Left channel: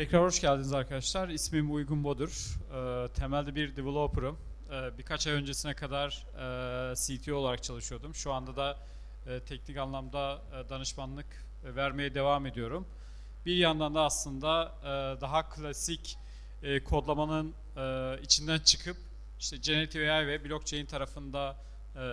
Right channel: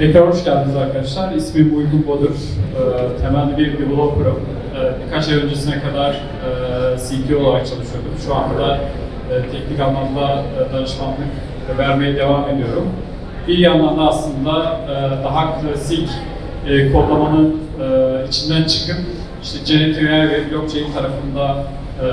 Tekrar hoş geldiniz arkadaşlar. İsmim Uygun Bodur. Ee, temelli bir developer'ım. Ee, birkaç ay öncesine kadar e, CTO olarak çalışıyordum. Şu anda e, teknik anlamda e, danışmanlık vermeye devam ediyorum. Bir yandan da aslında e, daha klasik e, kodlamanın e, içinden çıkıp işte AI ve blockchain tarafında e,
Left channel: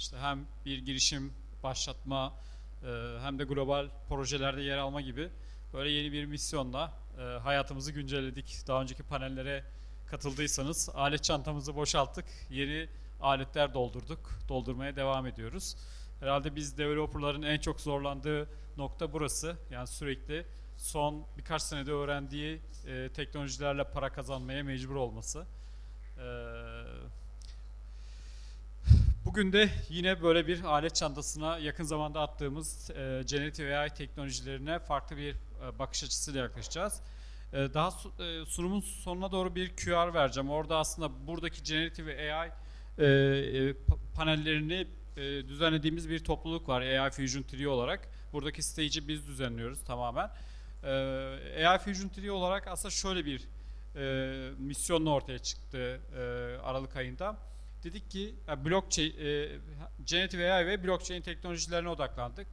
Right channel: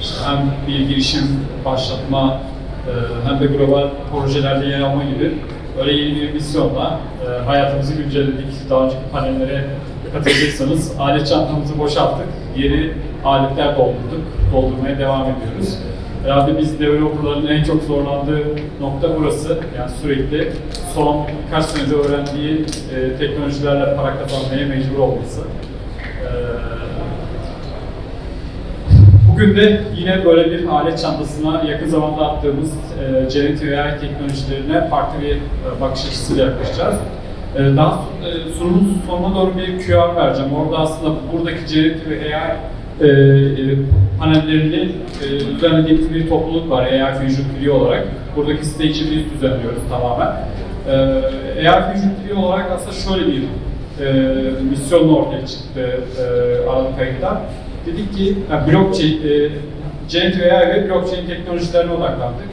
işte hem bir girişim başlatma e, hem de global projelerde yer alma gibi böyle yeni bir misyonla e, hayatımızı güncelledik. Daha önceki panellere katıldıysanız alet çantamızı boşalttık. Yeni aletler doldurduk. Doldurmaya devam ediyoruz. Herhalde biz developerların en çok zorlandığı nokta burası. Yani sürekli son birkaç senede öğrendiği e, teknolojilerle para kazanmaya mecbur olması. E, Bugün de yine böyle bir alet çantasına yakın zamanda attığımız e, generative AI teknolojilerine farklı bir e, bakış açısıyla yaklaşacağız. E, daha e, sunumun sonuna doğru bir QR vereceğim. Orada aslında buradaki generative AI e, e, panellerini e, düzenlediğimiz bir topluluk var AI Fusion Tree olarak. Buradaki stage'i biz düzenliyoruz tamamen. E, AI Fusion Tree olarak aslında şöyle bir e, misyonla ortaya çıktı e, Aralık ayında. Dedik ki yani blockchain, e, generative AI ve blockchain teknolojilerine odaklandık.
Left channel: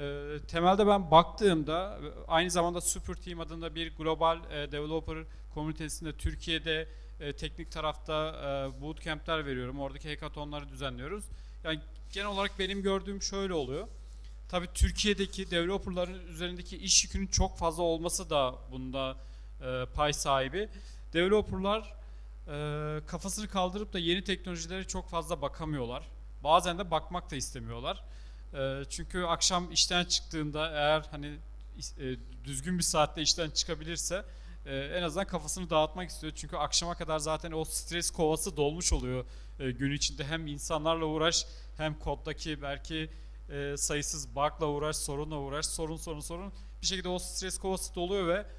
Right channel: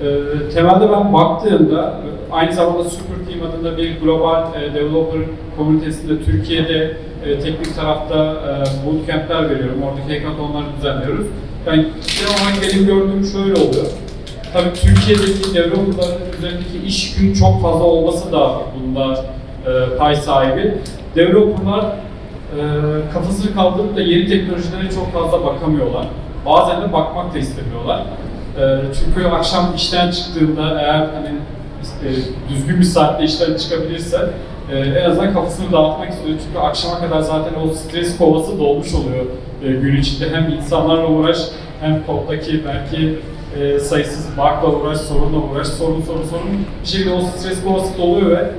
E, temelde ben baktığımda e, aynı zamanda Super Team adında bir global e, developer komünitesinde Türkiye'de e, teknik tarafta e, bootcamp'ler veriyorum. Oradaki hackathonları düzenliyoruz. Yani genel olarak benim gördüğüm şöyle oluyor. Tabii Türkiye'deki developerların üzerindeki iş yükünün çok fazla olması da bunda e, pay sahibi. Developerlar e, kafasını kaldırıp da yeni teknolojilere çok fazla bakamıyorlar. Bazen de bakmak da istemiyorlar. E, çünkü akşam işten çıktığında eğer hani e, düzgün bir saatte işten çıkabilirse e, en azından kafasını dağıtmak istiyor. Çünkü akşama kadar zaten o stres kovası dolmuş oluyor e, gün içinde. Hem insanlarla uğraş hem koddaki belki sayısız bug'la uğraş, sorunla uğraş, sorun sorun sorun. Bir şekilde o stres kovası doluyor ve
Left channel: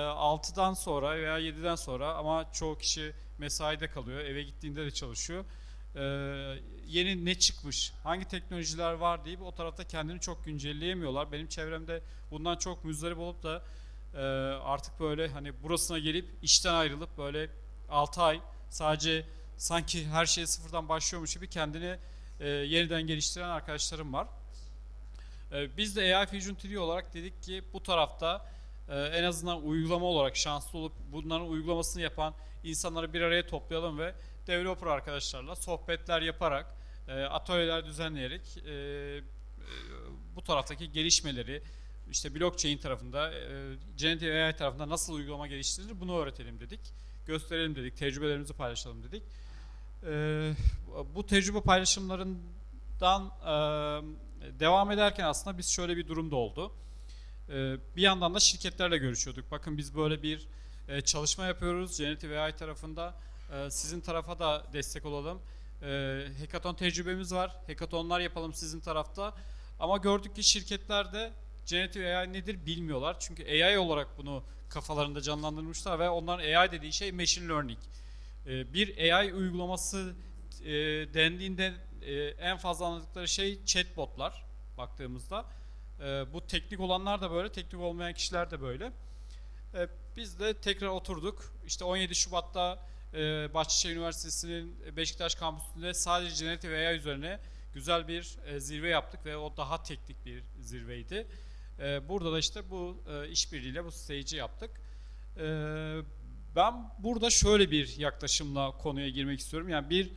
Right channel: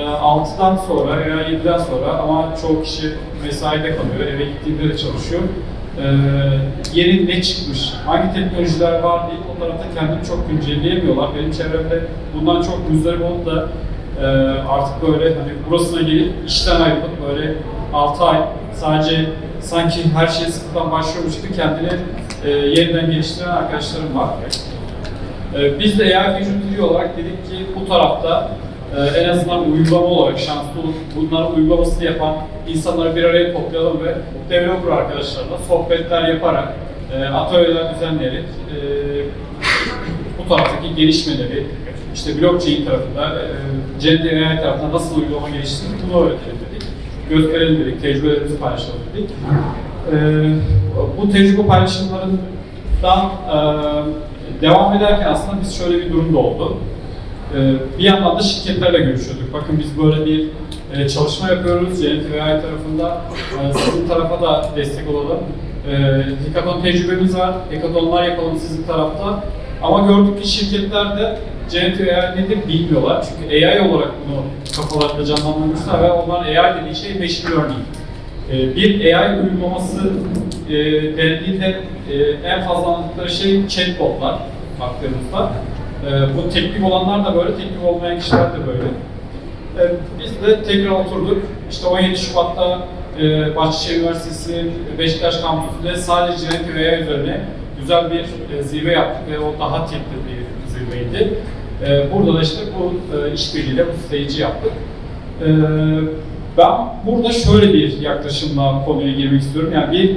6'dan sonra veya 7'den sonra ama çoğu kişi mesaide kalıyor, eve gittiğinde de çalışıyor. E, yeni ne çıkmış, hangi teknolojiler var diye o tarafta kendini çok güncelleyemiyorlar. Benim çevremde bundan çok müzdarip olup da e, artık böyle hani burasına gelip işten ayrılıp böyle 6 ay sadece sanki her şey sıfırdan başlıyormuş gibi kendini e, yeniden geliştiren arkadaşlarım var. E, biz de AI Vision olarak dedik ki bu tarafta e, en azından uygulama olarak şanslı olup bunların uygulamasını yapan insanları bir araya toplayalım ve developer arkadaşlarla sohbetler yaparak, e, atölyeler düzenleyerek e, bu taraftaki gelişmeleri, işte blockchain tarafında, e, AI tarafında nasıl uygulama geliştiğini bunu öğretelim dedik. Gösterelim dedik, tecrübelerimizi paylaşalım dedik. E, bu tecrübe paylaşımlarından e, devam ederken aslında biz şöyle bir durumda oldu. Ee, bir yandan da şirketlerle görüşüyorduk. Bakın biz böyle bir e, çalışma yapıyoruz. AI tarafında e, sizin tarafa da destek olalım. E, hackathon tecrübemiz var. Hackathonlar yapalım sizin tarafta. Ama gördük ki şirketler de Generative AI nedir bilmiyorlar. Çünkü AI olarak bunu kafalarında canlandırmışlar ve onların AI dediği şey machine learning. Bir AI uygulaması e, dendiğinde e, en fazla anlattıkları şey chatbotlar baktığımızda. Ee, bu teknik olanlar da böyle, teknik olmayan kişiler de böyle. Ee, biz de tekrar oturduk. İşte 17 Şubat'ta e, Bahçeşehir Üniversitesi Beşiktaş kampüsünde sadece generative AI üzerine güzel bir e, zirve yaptık ve o daha teknik bir zirveydi. E, burada da işte bu e, işbirliğiyle bu stage'i yaptık. E, ben burada şöyle bir yaklaşımla konuya girmek istiyorum. Yani bir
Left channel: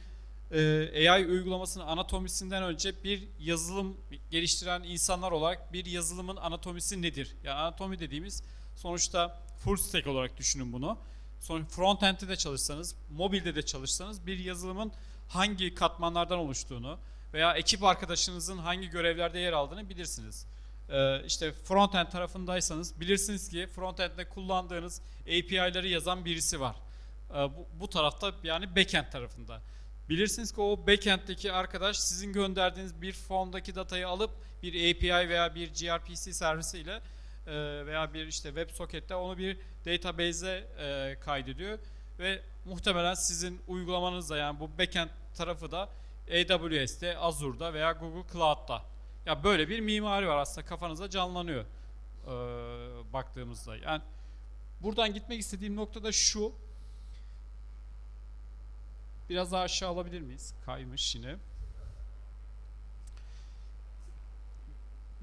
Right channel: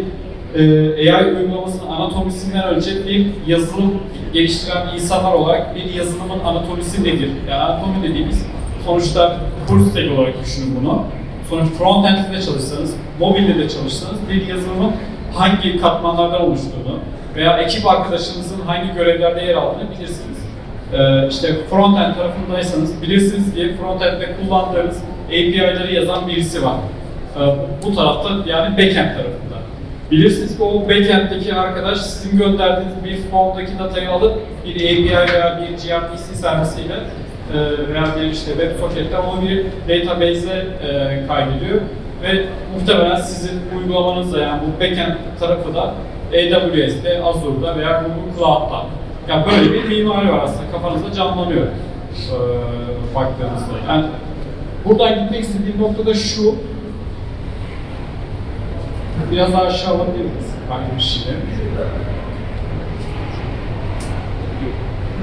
e, AI uygulamasının anatomisinden önce bir yazılım geliştiren insanlar olarak bir yazılımın anatomisi nedir? Yani anatomi dediğimiz sonuçta full stack olarak düşünün bunu. Sonuç frontend'de çalışsanız, mobilde de çalışsanız bir yazılımın hangi katmanlardan oluştuğunu veya ekip arkadaşınızın hangi görevlerde yer aldığını bilirsiniz. Ee, işte frontend tarafındaysanız bilirsiniz ki frontend'de kullandığınız API'leri yazan birisi var. Ee, bu tarafta yani backend tarafında. Bilirsiniz ki o backend'deki arkadaş sizin gönderdiğiniz bir formdaki datayı alıp bir API veya bir gRPC servisiyle e, veya bir işte web socket'ten onu bir database'e e, kaydediyor ve muhtemelen sizin uygulamanızda yani bu backend tarafı da AWS'de, Azure'da veya Google Cloud'da. Yani böyle bir mimari var aslında kafanızda canlanıyor e, baktığınızda. Yani Buradan gitmek istediğim nokta da şu. Biraz daha aşağı alabilir miyiz? Bir şeyleri?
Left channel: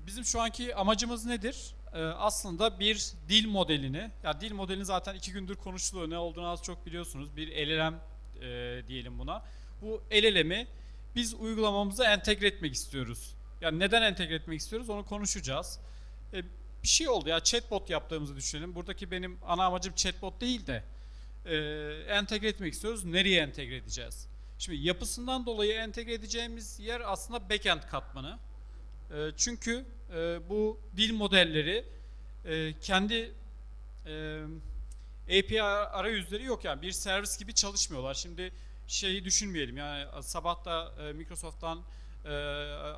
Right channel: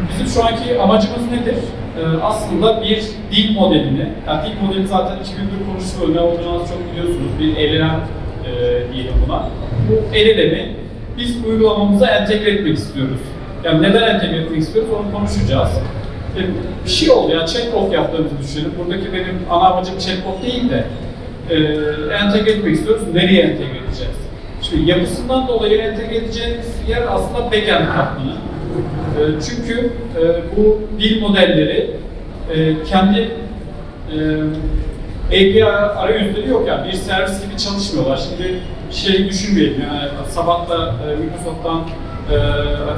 Bizim şu anki amacımız nedir? Ee, aslında bir dil modelini, yani dil modeli zaten 2001 konuşuluyor, ne olduğunu az çok biliyorsunuz. Bir elenen e, diyelim buna. Bu elelemi biz uygulamamıza entegre etmek istiyoruz. Yani neden entegre etmek istiyoruz onu konuşacağız. E, bir şey oldu ya, chatbot yaptığımızı düşünün. Buradaki benim ana amacım chatbot değil de e, entegre etmek istiyoruz. Nereye entegre edeceğiz? Şimdi yapısından dolayı entegre edeceğimiz yer aslında backend katmanı. E, çünkü e, bu dil modelleri e, kendi e, API arayüzleri yok yani bir servis gibi çalışmıyorlar. Şimdi şey düşünmeyelim yani sabah da e, Microsoft'tan e,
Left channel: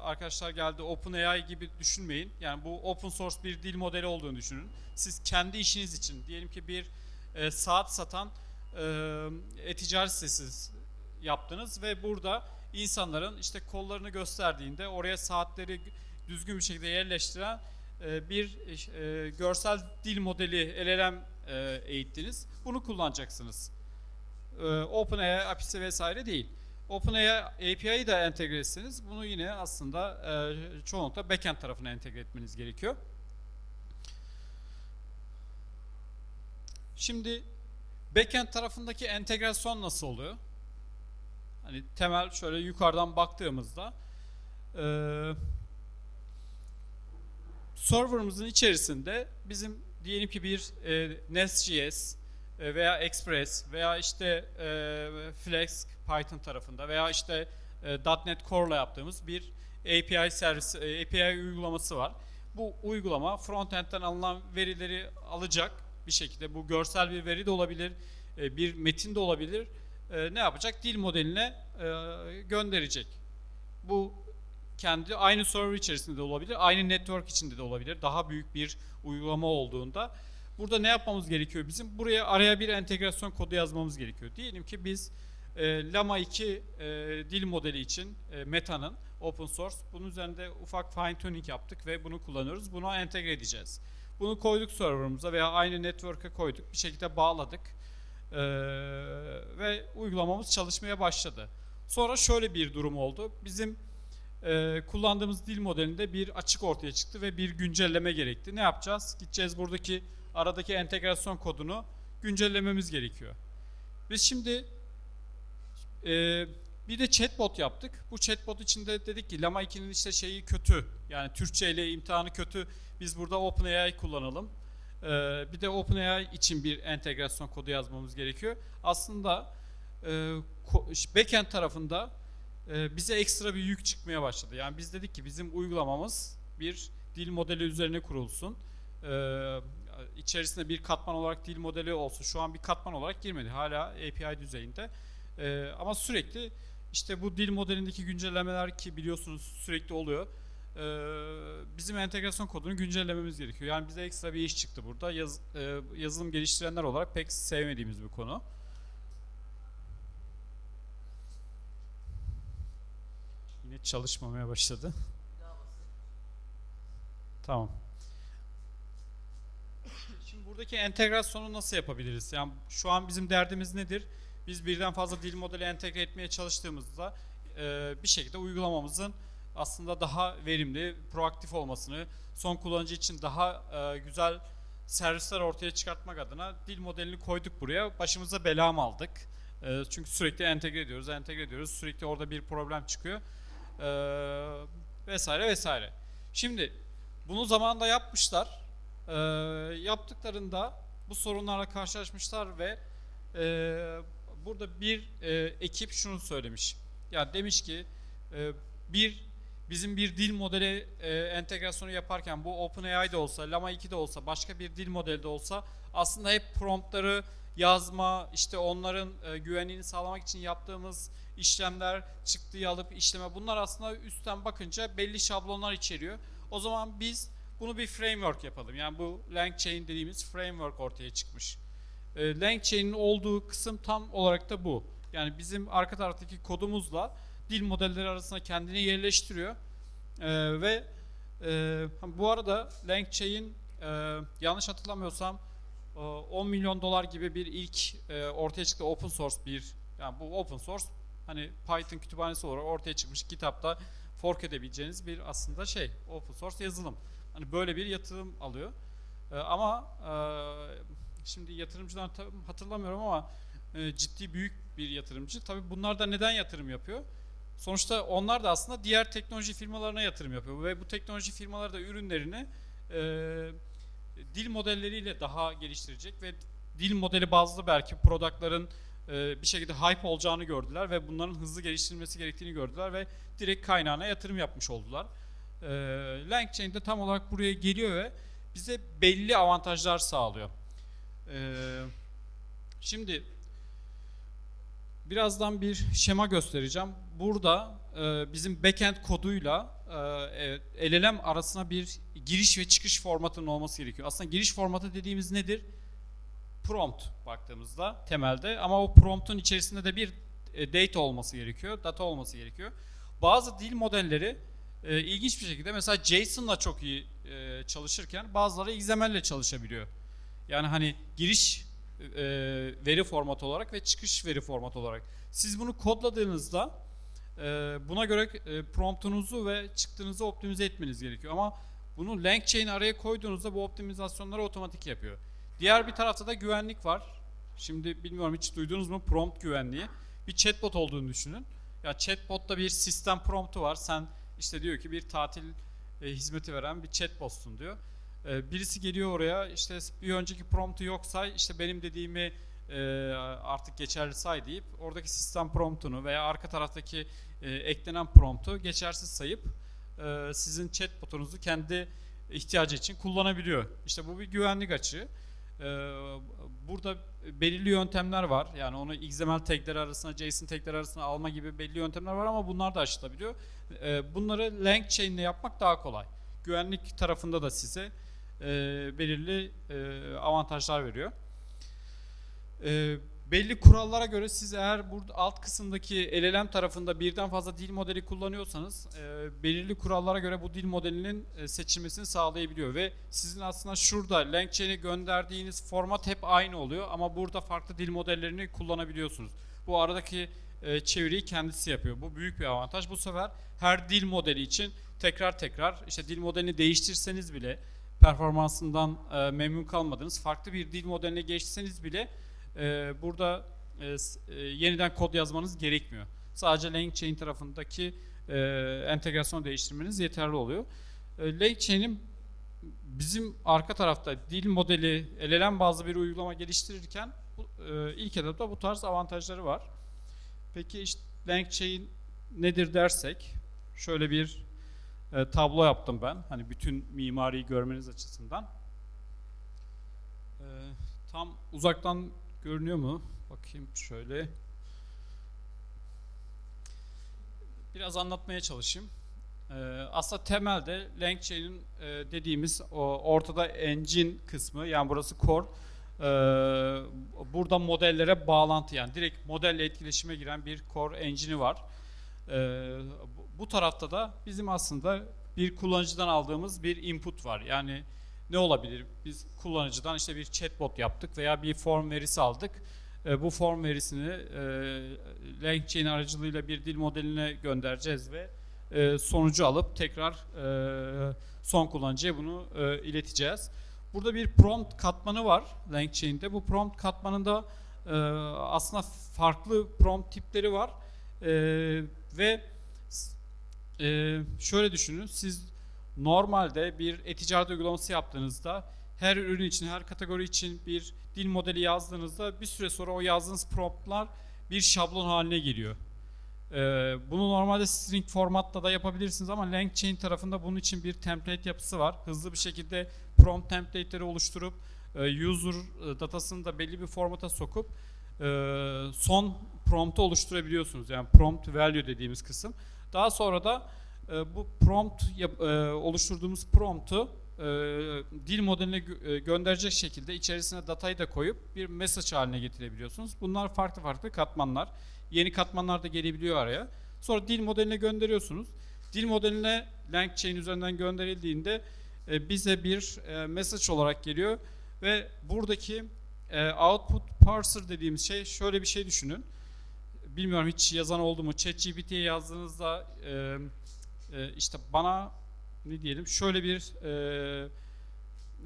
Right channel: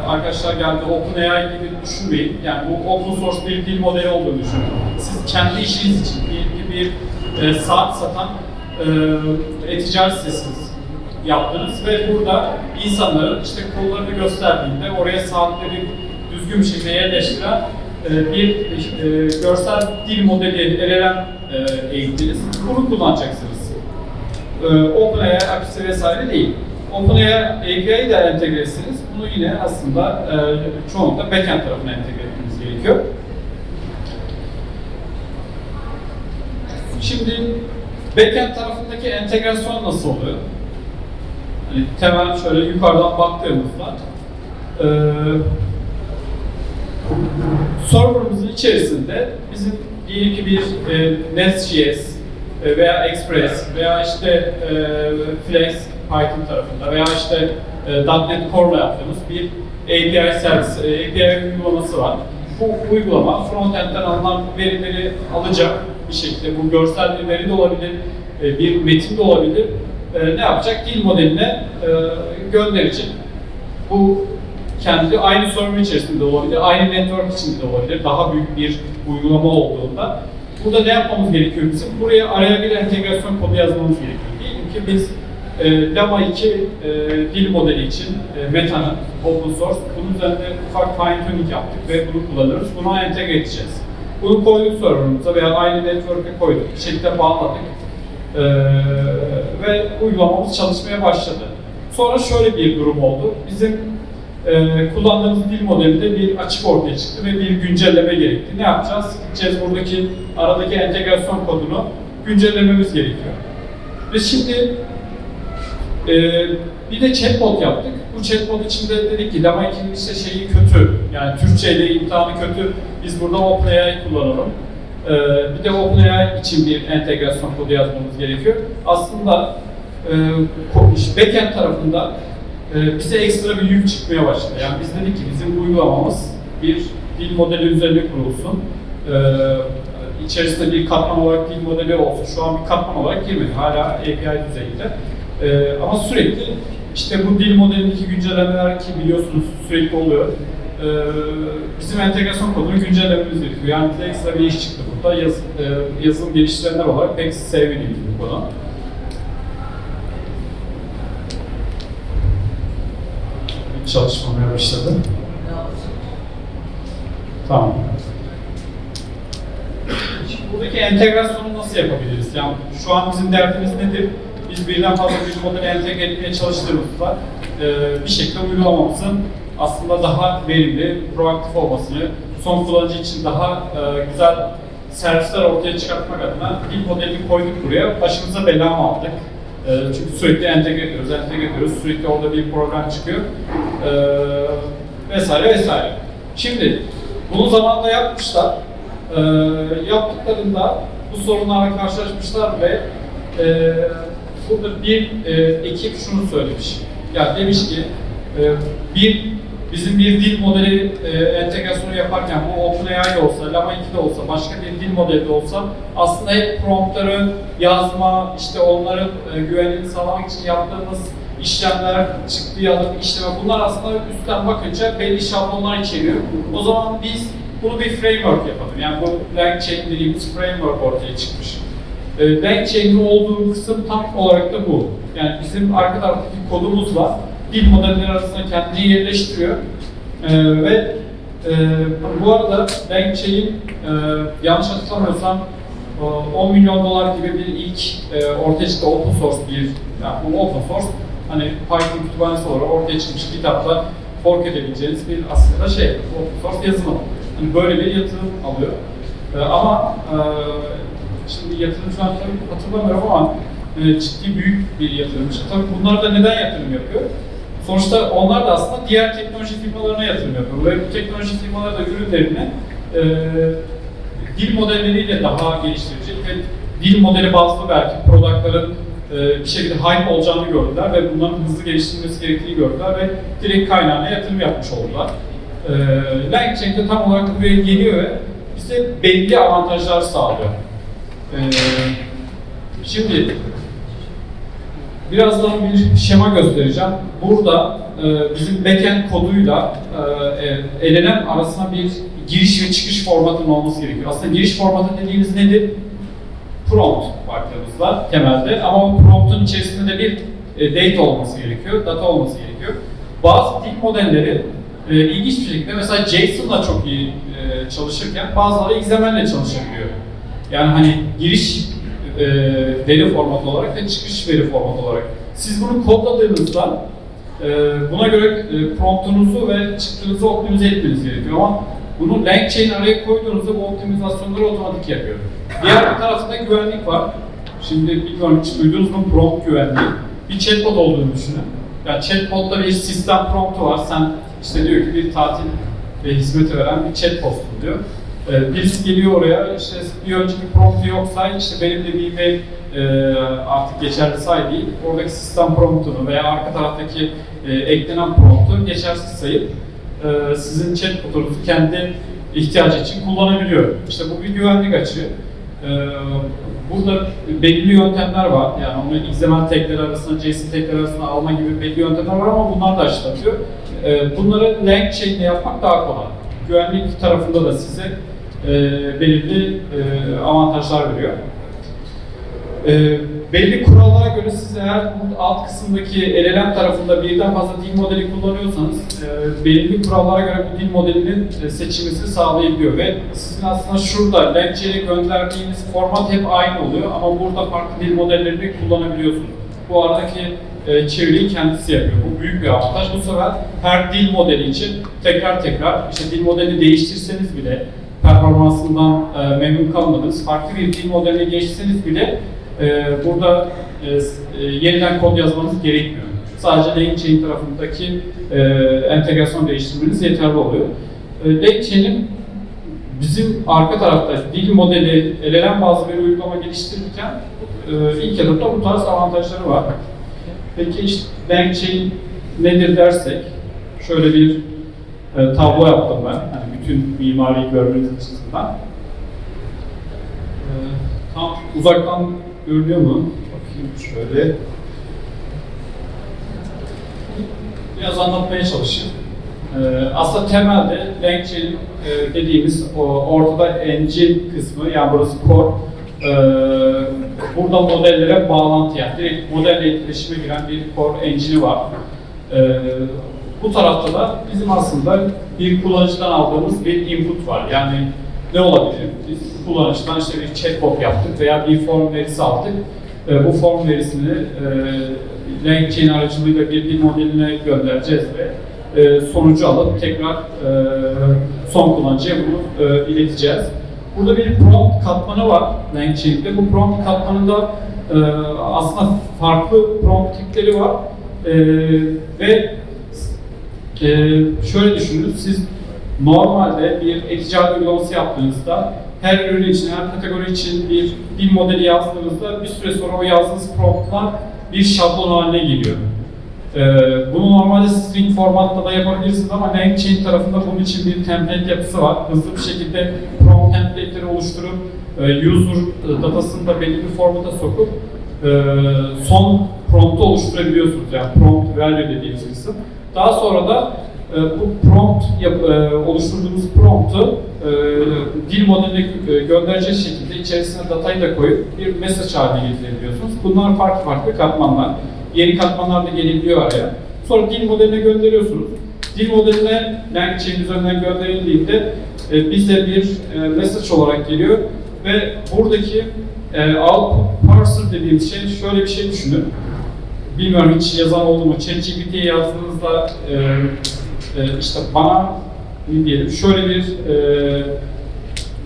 arkadaşlar geldi OpenAI gibi düşünmeyin. Yani bu open source bir dil modeli olduğunu düşünün. Siz kendi işiniz için bir, bir, bir e, saat satan e, e-ticaret sitesiniz yaptınız ve burada insanların işte kollarını gösterdiğinde oraya saatleri düzgün bir şekilde yerleştiren e, bir e, görsel dil modeli LLM e, eğittiniz. Bunu kullanacaksınız. E, OpenAI API'si vesaire değil. OpenAI API'yi de entegre etsiniz. Bunu yine aslında e, çoğunlukla backend tarafına entegre etmeniz gerekiyor. Şimdi backend tarafındaki entegrasyon nasıl oluyor? Hani temel şöyle yukarıdan baktığımızda e, serverımızın içerisinde bizim diyelim ki bir e, Nest.js e, veya Express veya işte e, Flex Python tarafında veya işte e, .NET Core'la yaptığımız bir API servis, e, API uygulaması var. Bu uygulama frontend'den alınan verileri alacak bir şekilde. Bu görsel bir veri de olabilir, e, bir metin de olabilir. E, ne yapacak? Dil modeline e, gönderecek. Bu kendi aynı server içerisinde olabilir, aynı network içinde de olabilir. Daha büyük bir uygulama olduğunda. Burada ne yapmamız gerekiyor bizim? Buraya araya bir entegrasyon kodu yazmamız gerekiyor. Diyelim ki biz e, Llama 2 e, dil modeli için e, Meta'nın open source, bunun üzerinde ufak fine tuning yaptık ve bunu kullanıyoruz. Buna entegre edeceğiz. Bunu koyduk serverımıza veya aynı network'e koyduk. Bir şekilde bağladık. E, ve uygulamamız çalışmaya başladı. Sonra şöyle bir durum oldu. Bizim e, kullandığımız dil modelinde bir açık ortaya çıktı ve bir güncelleme gerekti. Ne yapacağız? Gideceğiz buradaki aradaki entegrasyon kodunu güncellememiz gerekiyor. Ve şimdi e, bir de chatbot yaptık. Bu chatbot içinde dedik ki Lama 2'nin işte şeyi kötü. Yani Türkçeyle imtihanı kötü. Biz burada OpenAI kullanalım. E, bir de OpenAI için bir entegrasyon kodu yazmamız gerekiyor. Aslında e, backend tarafında e, bize ekstra bir yük çıkmaya başladı. Yani biz dedik ki bizim uygulamamız bir dil modeli üzerine kurulsun. E, içerisinde bir katman olarak dil modeli olsun. Şu an bir katman olarak girmedi. Hala API düzeyinde. E, ama sürekli işte bu dil modelindeki güncellemeler ki biliyorsunuz sürekli oluyor. E, bizim entegrasyon kodunu güncellememiz gerekiyor. Yani ekstra bir iş çıktı burada. Yaz, e, yazılım geliştirenler olarak pek sevmediğimiz bir konu. çalışmamaya başladı. Tamam. Şimdi buradaki entegrasyonu nasıl yapabiliriz? Yani şu an bizim derdimiz nedir? Biz birden fazla bir modeli entegre etmeye çalıştığımızda e, bir şekilde uygulamamızın aslında daha verimli, proaktif olmasını, son kullanıcı için daha e, güzel servisler ortaya çıkartmak adına bir modelini koyduk buraya. Başımıza bela mı aldık? E, çünkü sürekli entegre ediyoruz, entegre ediyoruz. Sürekli orada bir program çıkıyor. E, vesaire vesaire. Şimdi bunu zamanında yapmışlar. E, yaptıklarında bu sorunlarla karşılaşmışlar ve e, burada bir e, ekip şunu söylemiş. Ya demiş ki e, bir bizim bir dil modeli e, entegrasyonu yaparken bu OpenAI olsa, Llama 2 de olsa, başka bir dil modeli de olsa aslında hep promptları yazma, işte onların e, güvenliğini sağlamak için yaptığımız işlemler, çıktıyı alıp işleme bunlar aslında üstten bakınca belli şablonlar içeriyor. O zaman biz bunu bir framework yapalım. Yani bu LangChain dediğimiz framework ortaya çıkmış. E, LangChain'in olduğu kısım tam olarak da bu. Yani bizim arka taraftaki kodumuzla dil modelleri arasında kendini yerleştiriyor. Ee, ve e, bu arada LangChain e, yanlış hatırlamıyorsam e, 10 milyon dolar gibi bir ilk e, ortaya çıktı open source bir, yani bu open source hani Python kütüphanesi olarak ortaya çıkmış kitapla fork edebileceğiniz bir aslında şey, open source yazılım. Hani böyle bir yatırım alıyor. E, ama e, şimdi yatırımcılar tabii hatırlamıyorum ama e, ciddi büyük bir yatırımcı. Tabii bunlar da neden yatırım yapıyor? Sonuçta onlar da aslında diğer teknoloji firmalarına yatırım yapıyor. Ve bu teknoloji firmaları da ürünlerini e, dil modelleriyle daha geliştirecek ve dil modeli bazlı belki productların e, bir şekilde hype olacağını gördüler ve bunların hızlı geliştirilmesi gerektiğini gördüler ve direkt kaynağına yatırım yapmış oldular. E, LangChain de tam olarak buraya geliyor ve bize belli avantajlar sağlıyor. E, şimdi Birazdan bir şema göstereceğim. Burada e, bizim backend koduyla e, e, LLM arasında bir giriş ve çıkış formatının olması gerekiyor. Aslında giriş formatı dediğimiz nedir? Prompt baktığımızda temelde ama promptun içerisinde de bir e, data olması gerekiyor, data olması gerekiyor. Bazı dil modelleri e, ilginç bir şekilde mesela JSON'la çok iyi e, çalışırken bazıları XML'le çalışabiliyor. Yani hani giriş e, veri formatı olarak ve çıkış veri formatı olarak. Siz bunu kodladığınızda e, buna göre e, promptunuzu ve çıktığınızı optimize etmeniz gerekiyor ama bunu LangChain araya koyduğunuzda bu optimizasyonları otomatik yapıyor. Diğer bir tarafta güvenlik var. Şimdi bilmiyorum hiç duydunuz mu prompt güvenliği? Bir chatbot olduğunu düşünün. Yani chatbot'ta bir sistem promptu var. Sen işte diyor ki bir tatil ve hizmeti veren bir chatbot'un diyor. Ee, birisi geliyor oraya, işte bir önceki promptu yoksa işte benim dediğim mail e, artık geçerli say değil, oradaki sistem promptunu veya arka taraftaki e, eklenen promptu geçersiz sayıp e, sizin chatbotunuzu kendi ihtiyacı için kullanabiliyor. İşte bu bir güvenlik açığı. E, burada belli yöntemler var. Yani onu XML tagleri arasında, JSON tagleri arasında alma gibi belli yöntemler var ama bunlar da aşılatıyor. E, bunları LangChain'le yapmak daha kolay. Güvenlik tarafında da size e, belirli e, avantajlar veriyor. E, belli kurallara göre siz eğer alt kısımdaki LLM tarafında birden fazla dil modeli kullanıyorsanız e, belirli kurallara göre bu dil modelinin e, seçiminizi sağlayabiliyor ve sizin aslında şurada LangChain'e gönderdiğiniz format hep aynı oluyor ama burada farklı dil modellerini kullanabiliyorsunuz. Bu aradaki e, çeviriyi kendisi yapıyor. Bu büyük bir avantaj. Bu sefer her dil modeli için tekrar tekrar işte dil modelini değiştirseniz bile performansından e, memnun kalmadınız. Farklı bir dil modeline geçseniz bile e, burada e, e, yeniden kod yazmanız gerekmiyor. Sadece LangChain tarafındaki e, entegrasyon değiştirmeniz yeterli oluyor. E, LangChain'in bizim arka tarafta dil modeli, LLM bazlı bir uygulama geliştirirken e, ilk etapta bu tarz avantajları var. Peki işte LangChain nedir dersek, şöyle bir e, tablo yaptım ben. Hani bütün mimariyi görmeniz açısından. E, tam uzaktan görünüyor mu? Bakayım şöyle. Biraz anlatmaya çalışayım. Ee, aslında temelde LangChain e, dediğimiz o ortada engine kısmı yani burası core. Ee, burada modellere bağlantı yani direkt modelle etkileşime giren bir core engine'i var. Ee, bu tarafta da bizim aslında bir kullanıcıdan aldığımız bir input var. Yani ne olabilir? Biz kullanıcıdan işte bir chatbot yaptık veya bir form verisi aldık. Ee, bu form verisini e, LangChain aracılığıyla bir dil modeline göndereceğiz ve e, sonucu alıp tekrar e, son kullanıcıya bunu e, ileteceğiz. Burada bir prompt katmanı var LangChain'de. Bu prompt katmanında e, aslında farklı prompt tipleri var E, ve e, şöyle düşünün, siz normalde bir e-ticaret uygulaması yaptığınızda her ürün için, her kategori için bir dil modeli yazdığınızda bir süre sonra o yazdığınız promptlar bir şablon haline geliyor. Ee, bunu normalde string formatta da yapabilirsiniz ama LangChain tarafında bunun için bir template yapısı var. Hızlı bir şekilde prompt template'leri oluşturup e, user datasını da belli bir formata sokup e, son prompt'u oluşturabiliyorsunuz. Yani prompt value dediğimiz kısım. Daha sonra da e, bu prompt yap, e, oluşturduğumuz prompt'u e, dil modeline e, gönderecek şekilde içerisine datayı da koyup bir mesaj haline getirebiliyorsunuz. Bunlar farklı farklı katmanlar. Yeni katmanlar da gelebiliyor araya. Sonra dil modeline gönderiyorsunuz. Dil modeline LangChain üzerinden gönderildiğinde e, bize bir e, mesaj olarak geliyor. Ve buradaki e, alt parser dediğimiz şey şöyle bir şey düşünün. Bilmiyorum hiç yazan oldu mu? ChatGPT'ye yazdığınızda e, e, işte bana ne diyelim şöyle bir e,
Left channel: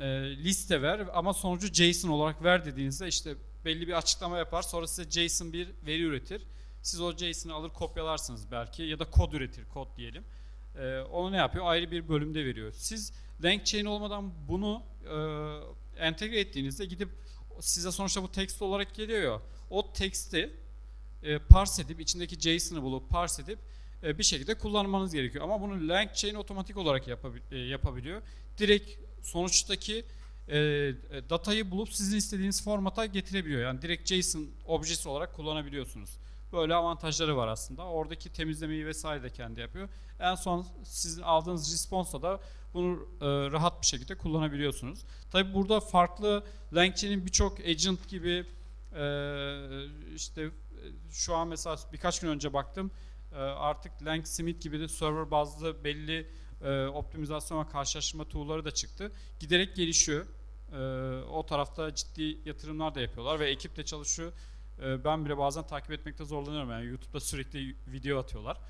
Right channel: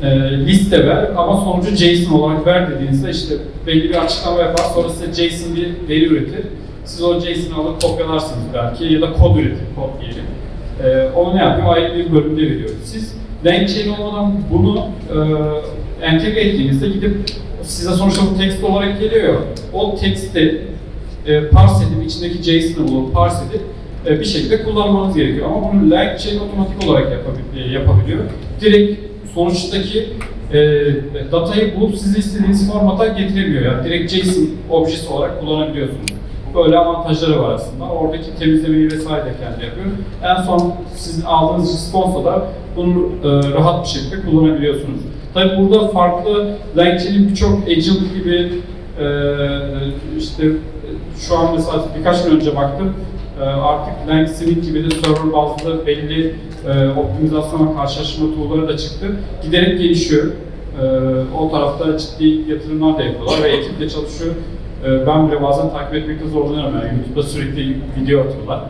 e, liste ver ama sonucu JSON olarak ver dediğinizde işte belli bir açıklama yapar sonra size JSON bir veri üretir. Siz o JSON'ı alıp kopyalarsınız belki ya da kod üretir, kod diyelim. E, onu ne yapıyor? Ayrı bir bölümde veriyor. Siz LangChain olmadan bunu e, entegre ettiğinizde gidip size sonuçta bu text olarak geliyor. O text'i e, parse edip içindeki JSON'ı bulup parse edip e, bir şekilde kullanmanız gerekiyor. Ama bunu LangChain otomatik olarak yapabil- e, yapabiliyor. Direkt sonuçtaki e, datayı bulup size istediğiniz formata getiremiyor. Yani direkt JSON objesi olarak kullanabiliyorsunuz. Böyle avantajları var aslında. Oradaki temizlemeyi vesaire de kendi yapıyor. En son sizin aldığınız response'da da bunu e, rahat bir şekilde kullanabiliyorsunuz. Tabii burada farklı LangChain'in birçok agent gibi e, işte şu an mesela birkaç gün önce baktım e, artık LangSmith gibi de server bazlı belli e, optimizasyon ve karşılaştırma tool'ları da çıktı. Giderek gelişiyor. E, o tarafta ciddi yatırımlar da yapıyorlar ve ekiple çalışıyor. E, ben bile bazen takip etmekte zorlanıyorum yani YouTube'da sürekli video atıyorlar.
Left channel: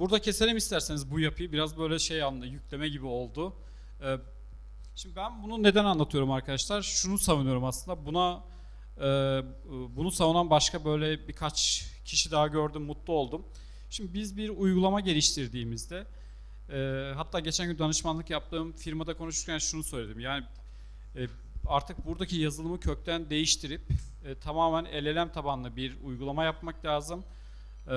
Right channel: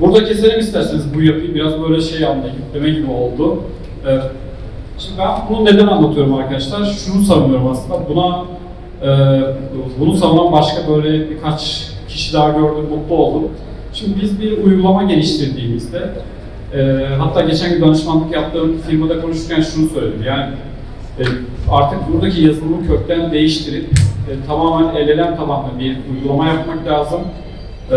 Burada keselim isterseniz bu yapıyı biraz böyle şey anda yükleme gibi oldu. Şimdi ben bunu neden anlatıyorum arkadaşlar? Şunu savunuyorum aslında. Buna e, bunu savunan başka böyle birkaç kişi daha gördüm, mutlu oldum. Şimdi biz bir uygulama geliştirdiğimizde e, hatta geçen gün danışmanlık yaptığım firmada konuşurken şunu söyledim. Yani e, artık buradaki yazılımı kökten değiştirip e, tamamen LLM tabanlı bir uygulama yapmak lazım. E,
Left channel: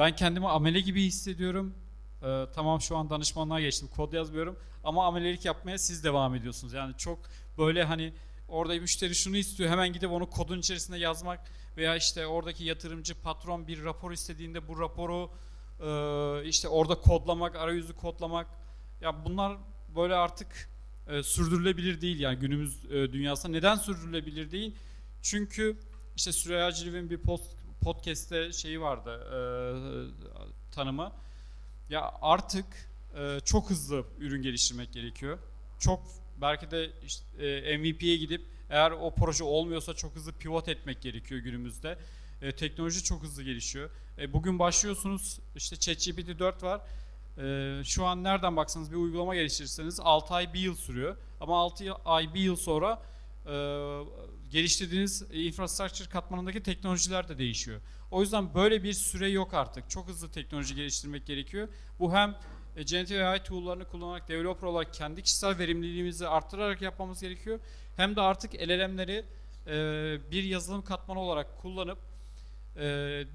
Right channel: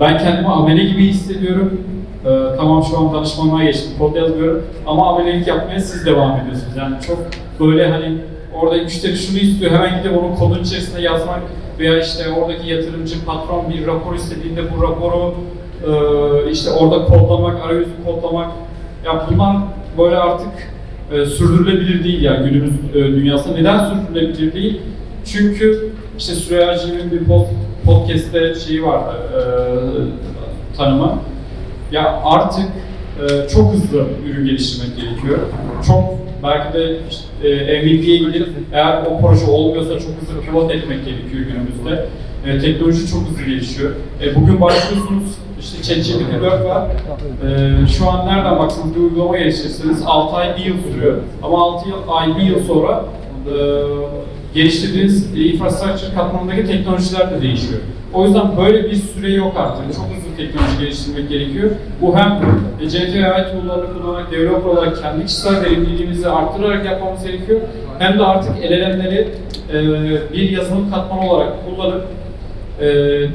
ben kendimi amele gibi hissediyorum. Ee, tamam şu an danışmanlığa geçtim, kod yazmıyorum ama amelilik yapmaya siz devam ediyorsunuz. Yani çok böyle hani orada müşteri şunu istiyor, hemen gidip onun kodun içerisinde yazmak veya işte oradaki yatırımcı patron bir rapor istediğinde bu raporu e, işte orada kodlamak, arayüzü kodlamak ya bunlar böyle artık e, sürdürülebilir değil yani günümüz e, dünyasında. Neden sürdürülebilir değil? Çünkü işte Süreyya Cem'in bir pod, podcast'te şeyi vardı, e, tanımı. Ya artık e, çok hızlı ürün geliştirmek gerekiyor. Çok belki de işte, e, MVP'ye gidip eğer o proje olmuyorsa çok hızlı pivot etmek gerekiyor günümüzde. E, teknoloji çok hızlı gelişiyor. E, bugün başlıyorsunuz işte ChatGPT 4 var. E, şu an nereden baksanız bir uygulama geliştirirseniz 6 ay 1 yıl sürüyor. Ama 6 yıl, ay 1 yıl sonra e, geliştirdiğiniz infrastructure katmanındaki teknolojiler de değişiyor. O yüzden böyle bir süre yok artık. Çok hızlı teknoloji geliştirmek gerekiyor. Bu hem generative AI tool'larını kullanarak, developer olarak kendi kişisel verimliliğimizi arttırarak yapmamız gerekiyor. Hem de artık LLM'leri e, bir yazılım katmanı olarak kullanıp e,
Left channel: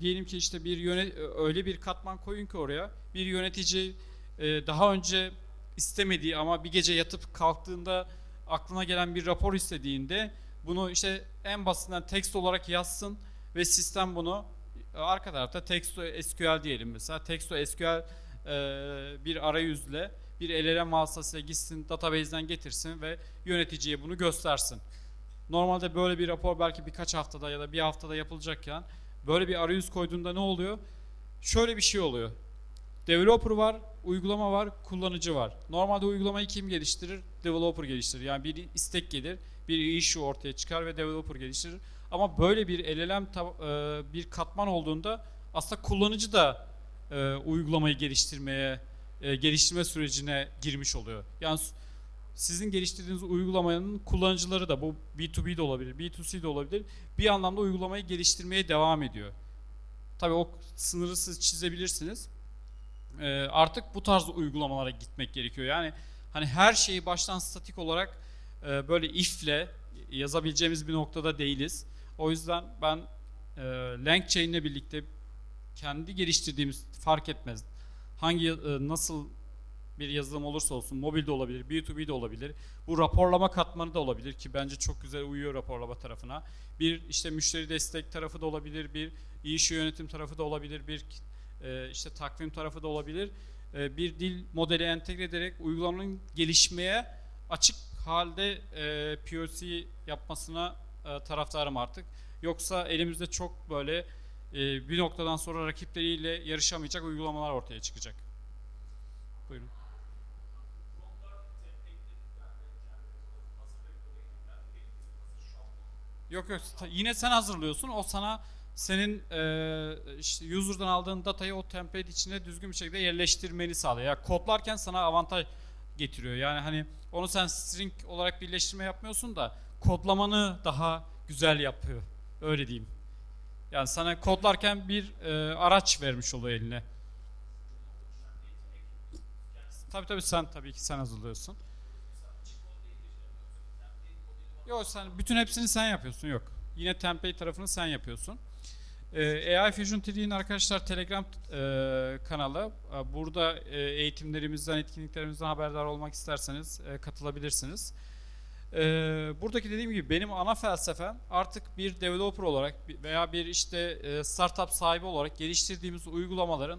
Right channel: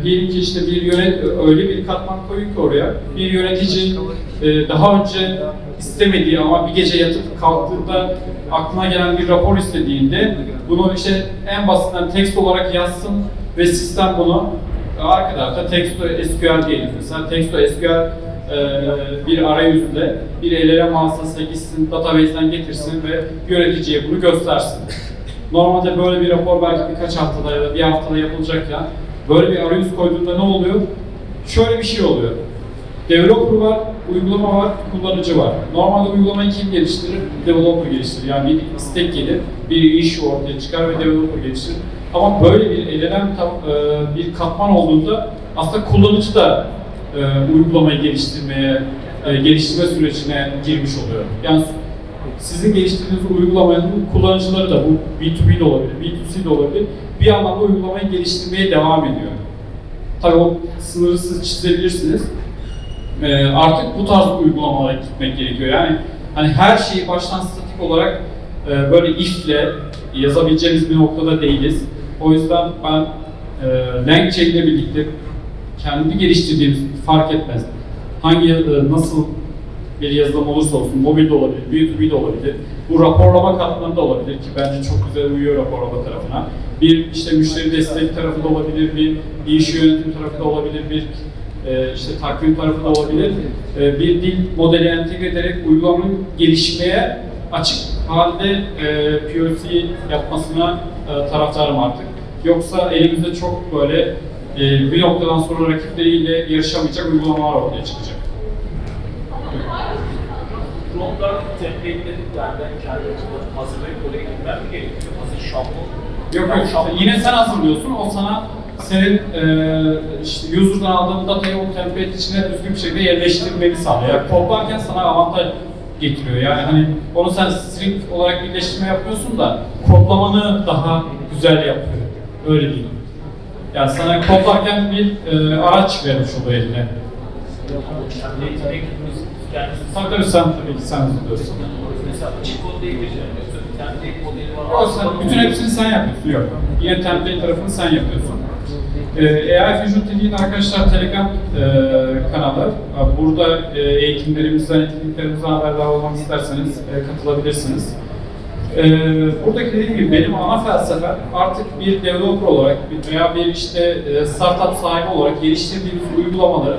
diyelim ki işte bir yönet öyle bir katman koyun ki oraya bir yönetici e, daha önce istemediği ama bir gece yatıp kalktığında aklına gelen bir rapor istediğinde bunu işte en basitinden text olarak yazsın ve sistem bunu arka tarafta text to SQL diyelim. Mesela text to SQL e, bir arayüzle bir LLM vasıtasıyla gitsin, database'den getirsin ve yöneticiye bunu göstersin. Normalde böyle bir rapor belki birkaç haftada ya da bir haftada yapılacakken böyle bir arayüz koyduğunda ne oluyor? Şöyle bir şey oluyor. Developer var, uygulama var, kullanıcı var. Normalde uygulamayı kim geliştirir? Developer geliştirir. Yani bir istek gelir, bir issue ortaya çıkar ve developer geliştirir. Ama böyle bir tam, e, bir katman olduğunda aslında kullanıcı da e, uygulamayı geliştirmeye, e, geliştirme sürecine girmiş oluyor. Yani sizin geliştirdiğiniz uygulamanın kullanıcıları da bu B2B de olabilir, B2C de olabilir. Bir anlamda uygulamayı geliştirmeye devam ediyor. Tabii o sınırı siz çizebilirsiniz. Ee, artık bu tarz uygulamalara gitmek gerekiyor. Yani hani her şeyi baştan statik olarak e, böyle if'le yazabileceğimiz bir noktada değiliz. O yüzden ben e, LangChain ile birlikte kendi geliştirdiğimiz fark etmez. Hangi e, nasıl bir yazılım olursa olsun, mobil de olabilir, B2B de olabilir. Bu raporlama katmanı da olabilir ki bence çok güzel uyuyor raporlama tarafına. Bir işte müşteri destek tarafı da olabilir, bir iş yönetim tarafı da olabilir, bir e, işte takvim tarafı da olabilir. E, bir dil modeli entegre ederek uygulamanın gelişmeye açık halde e, POC yapmasına e, taraftarım artık. Yoksa elimizde çok böyle e, bir noktadan sonra rakipleriyle yarışamayacak uygulamalar ortaya çıkacak. Drone'dan template'ledik yani ben kendi açımdan hazırlayıp oraya gitmem mi gerekiyor? Hazır şablon. Yok Yani yok şablon- yine sen hazırlıyorsun o sana senin e, işte user'dan aldığın datayı o template içine düzgün bir şekilde yerleştirmeni sağlıyor. Yani kodlarken sana avantaj getiriyor. Yani hani onu sen string olarak birleştirme yapıyorsun da kodlamanı daha güzel yapıyor. Öyle diyeyim. Yani sana kodlarken bir e, araç vermiş oluyor eline. Tabii tabii sen tabii ki sen hazırlıyorsun. Mesela açık kod değil template modeli var. Sen, bütün hepsini sen yapıyorsun. Yok. Yine template tarafını sen yapıyorsun. Ee, AI Fusion TV'nin arkadaşlar Telegram e, kanalı. Burada e, eğitimlerimizden, etkinliklerimizden haberdar olmak isterseniz e, katılabilirsiniz. E, buradaki dediğim gibi benim ana felsefem artık bir developer olarak veya bir işte e, startup sahibi olarak geliştirdiğimiz uygulamaları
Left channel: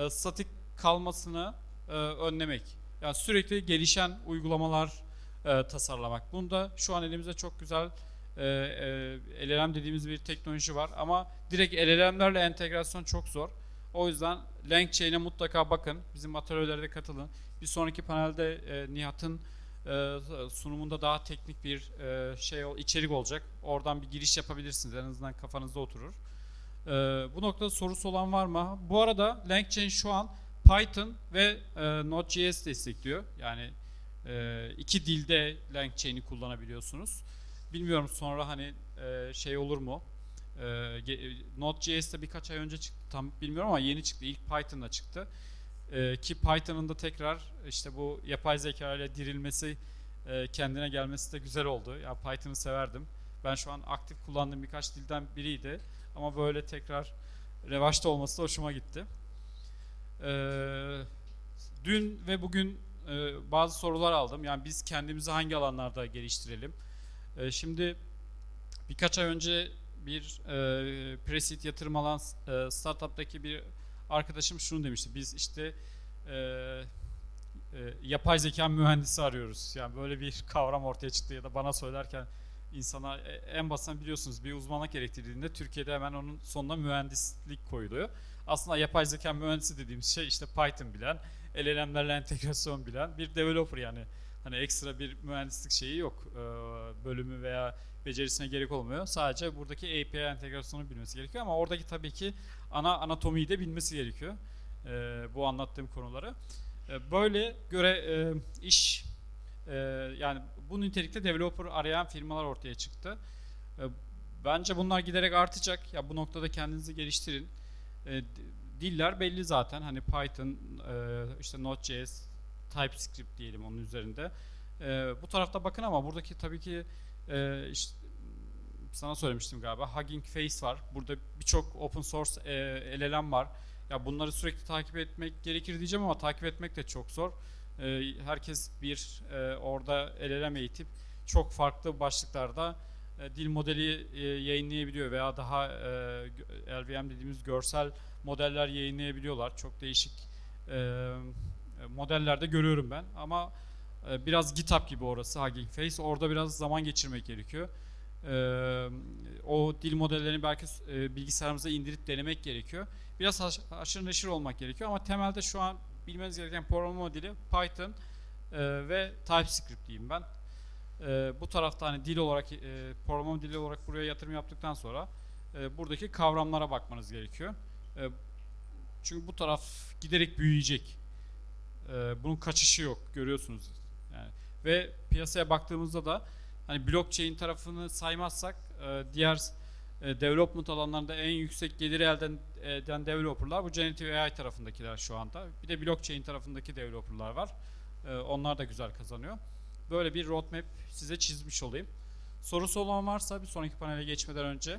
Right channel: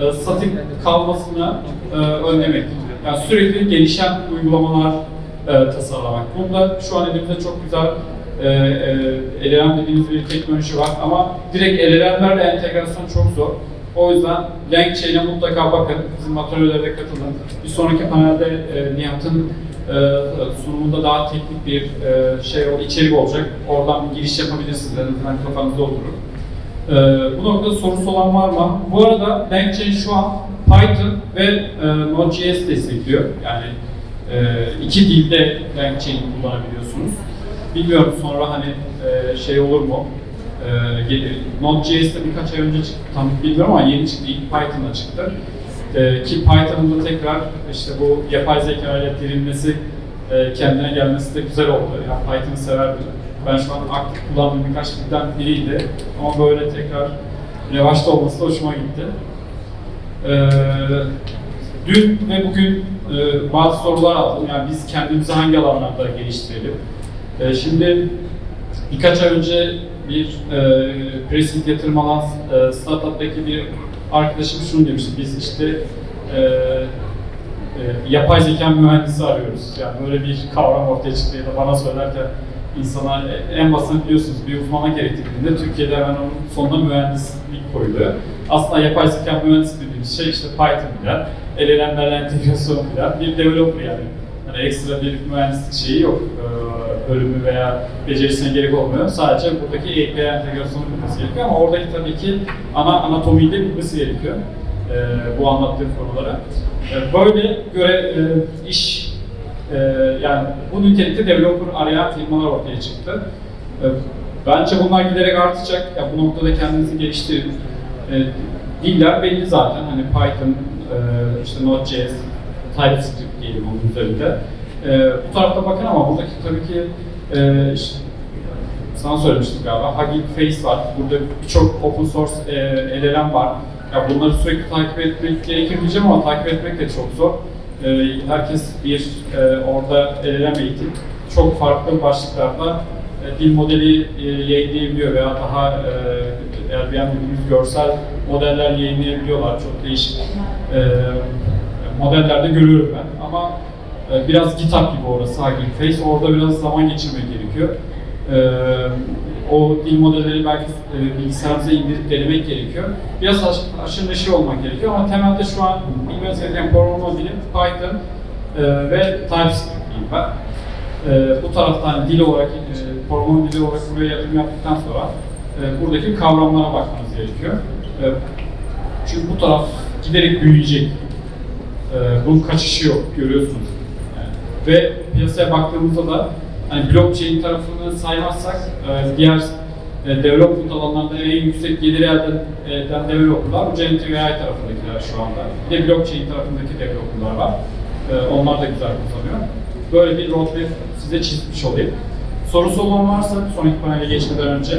e, statik kalmasını e, önlemek. Yani sürekli gelişen uygulamalar e, tasarlamak. Bunda şu an elimizde çok güzel e, e, LLM dediğimiz bir teknoloji var ama direkt LLM'lerle entegrasyon çok zor. O yüzden LangChain'e mutlaka bakın. Bizim atölyelere katılın. Bir sonraki panelde e, Nihat'ın e, sunumunda daha teknik bir e, şey içerik olacak. Oradan bir giriş yapabilirsiniz. En azından kafanızda oturur. Ee, bu noktada sorusu olan var mı? Bu arada LangChain şu an Python ve e, Node.js destekliyor. Yani e, iki dilde LangChain kullanabiliyorsunuz. Bilmiyorum sonra hani e, şey olur mu? E, Node.js'te birkaç ay önce çıktı, tam bilmiyorum ama yeni çıktı, ilk Python'da çıktı. E, ki Python'ın da tekrar işte bu yapay zeka ile dirilmesi, e, kendine gelmesi de güzel oldu. Yani Python'ı severdim. Ben şu an aktif kullandığım birkaç dilden biriydi. Ama böyle tekrar revaçta olması da hoşuma gitti. Ee, dün ve bugün e, bazı sorular aldım. Yani biz kendimizi hangi alanlarda geliştirelim? Ee, şimdi birkaç ay önce bir e, pressing yatırım alan e, startup'taki bir arkadaşım şunu demişti. Biz işte e, e, yapay zeka mühendisi arıyoruz. Yani böyle bir kavram ortaya çıktı ya da bana söylerken insana e, en basit biliyorsunuz bir uzmana gerektiğinde Türkiye'de hemen onun sonuna mühendislik koyuluyor. Aslında yapay zeka mühendisi dediğimiz şey işte Python bilen, LLM'lerle entegrasyon bilen bir developer yani. Hani ekstra bir mühendislik şeyi yok. Ee, bölümü veya becerisine gerek olmuyor. Sadece buradaki API entegrasyonu bilmesi gerekiyor ama oradaki tabii ki ana anatomiyi de bilmesi gerekiyor. Ee, bu anlattığım konulara. Ee, böyle göre e, iş e, yani bu nitelikte developer arayan firmalar ortaya çıktı. E, bence bunlar giderek artacak. Ya bu noktada kendinizi geliştirin. E, diller belli zaten. Hani Python, e, işte Node.js, TypeScript diyelim onun üzerinde. E, bu tarafta bakın ama buradaki tabii ki e, işte, sana söylemiştim galiba. Hugging Face var. Burada birçok open source e, LLM var. Ya bunları sürekli takip etmek gerekir diyeceğim ama takip etmek de çok zor. E, herkes bir e, orada LLM eğitim çok farklı başlıklarda e, dil modeli e, yayınlayabiliyor veya daha e, eğer görsel modeller yayınlayabiliyorlar. Çok değişik e, modellerde görüyorum ben. Ama e, biraz GitHub gibi orası Hugging Face. Orada biraz zaman geçirmek gerekiyor. E, o dil modelleri belki e, bilgisayarımıza indirip denemek gerekiyor. Biraz haş, haşır neşir olmak gerekiyor ama temelde şu an bilmeniz gereken programlama dili Python e, ve TypeScript diyeyim ben. E, bu taraftan dil olarak, e, programlama dili olarak buraya yatırım yaptıktan sonra e, buradaki kavramlara bakmanız gerekiyor. E, çünkü bu taraf giderek büyüyecek. E, bunun kaçışı yok, görüyorsunuz. Ve piyasaya baktığımızda da hani blockchain tarafını saymazsak e, diğer e, development alanlarda en yüksek gelir elde eden developerlar bu Generative tarafındakiler şu anda. Bir de blockchain tarafındaki developerlar var. E, onlar da güzel kazanıyor. Böyle bir roadmap size çizmiş olayım. Sorusu olan varsa sonraki panele geçmeden önce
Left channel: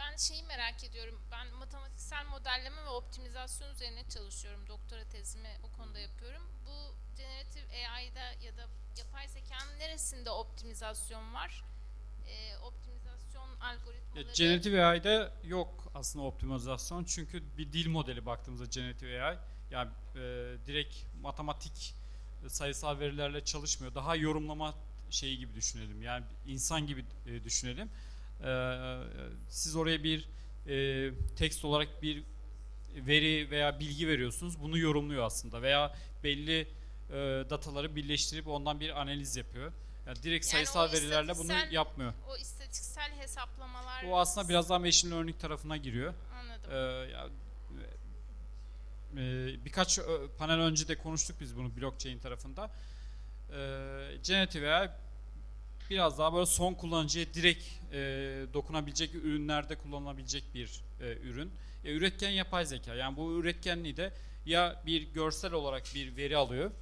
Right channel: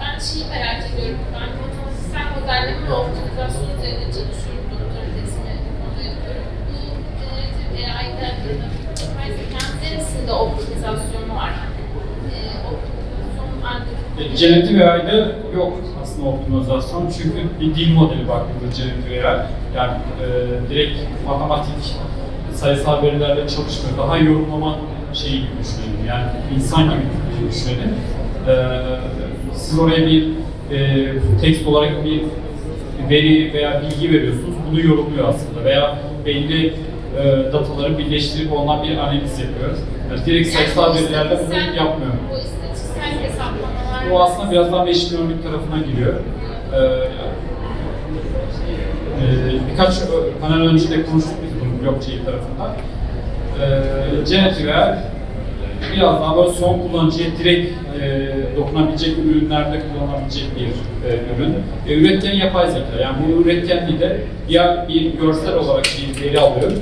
Ben şeyi merak ediyorum. Ben matematiksel modelleme ve optimizasyon üzerinde çalışıyorum. Doktora tezimi onu yapıyorum. Bu generatif AI'de yapay zekanın neresinde optimizasyon var? Ee, optimizasyon E, ancak Generative AI'de yok aslında optimizasyon çünkü bir dil modeli baktığında Generative AI yani e, direkt matematik, sayısal verilerle çalışmıyor. Daha yorumlama şeyi gibi düşünelim yani insan gibi düşünelim. Ee, siz oraya bir e, tekst olarak bir veri veya bilgi veriyorsunuz. Bunu yorumluyor aslında veya belli e, dataları birleştirip ondan bir analiz yapıyor. Yani direkt sayısal verilerle bunu yapmıyor. Bu aslında biraz daha machine learning tarafına giriyor. Ee, e, birkaç ö- panel önce de konuştuk biz bunu blockchain tarafından. Ee, Generative AI biraz daha böyle son kullanıcıya direkt e, dokunabilecek ürünlerde kullanabilecek bir e, ürün. E, üretken yapay zeka. Yani bu üretkenliği de ya bir görsel olarak bir veri alıyor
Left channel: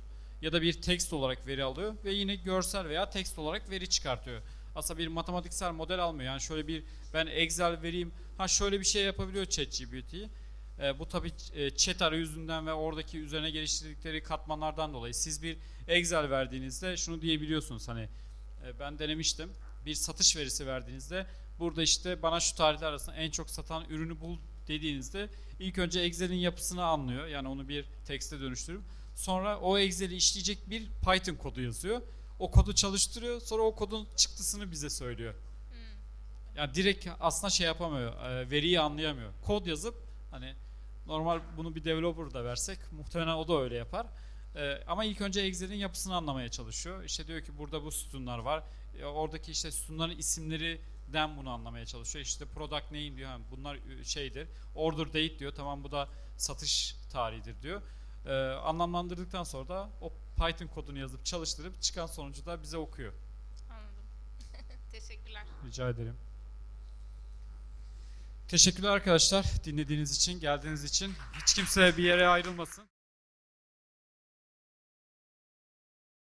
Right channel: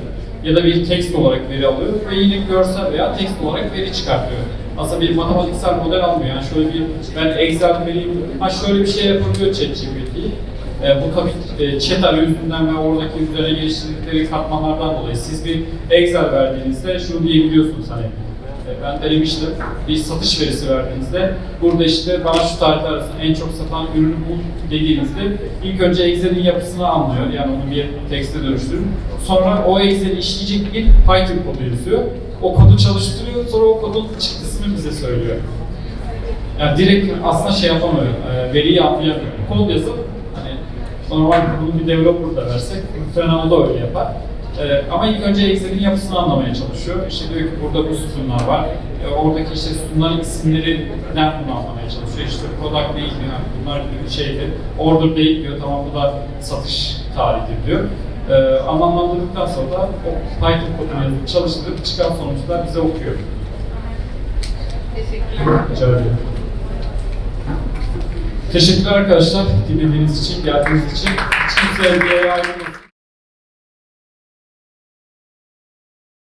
ya da bir tekst olarak veri alıyor ve yine görsel veya tekst olarak veri çıkartıyor. Aslında bir matematiksel model almıyor. Yani şöyle bir ben Excel vereyim, ha şöyle bir şey yapabiliyor ChatGPT. E, bu tabii e, chat arayüzünden ve oradaki üzerine geliştirdikleri katmanlardan dolayı siz bir Excel verdiğinizde şunu diyebiliyorsunuz hani e, ben denemiştim. Bir satış verisi verdiğinizde burada işte bana şu tarihler arasında en çok satan ürünü bul dediğinizde ilk önce Excel'in yapısını anlıyor. Yani onu bir tekste dönüştürüp sonra o Excel'i işleyecek bir Python kodu yazıyor. O kodu çalıştırıyor sonra o kodun çıktısını bize söylüyor. Yani direkt aslında şey yapamıyor, e, veriyi anlayamıyor. Kod yazıp hani normal bunu bir developer da versek muhtemelen o da öyle yapar. E, ama ilk önce Excel'in yapısını anlamaya çalışıyor. İşte diyor ki burada bu sütunlar var. E, oradaki işte sütunların isimlerinden bunu anlamaya çalışıyor. İşte product değil mi? Yani bunlar bir şeydi. Order değil diyor. Tamam bu da satış tarihidir diyor. E, anlamlandırdıktan sonra da o Python kodunu yazıp çalıştırıp çıkan sonuçlar bize okuyor. Teşekkürler. Arkadaşlar dinlediğiniz için, geldiğiniz için. Hiç kimseye bir yere ayrılmasın.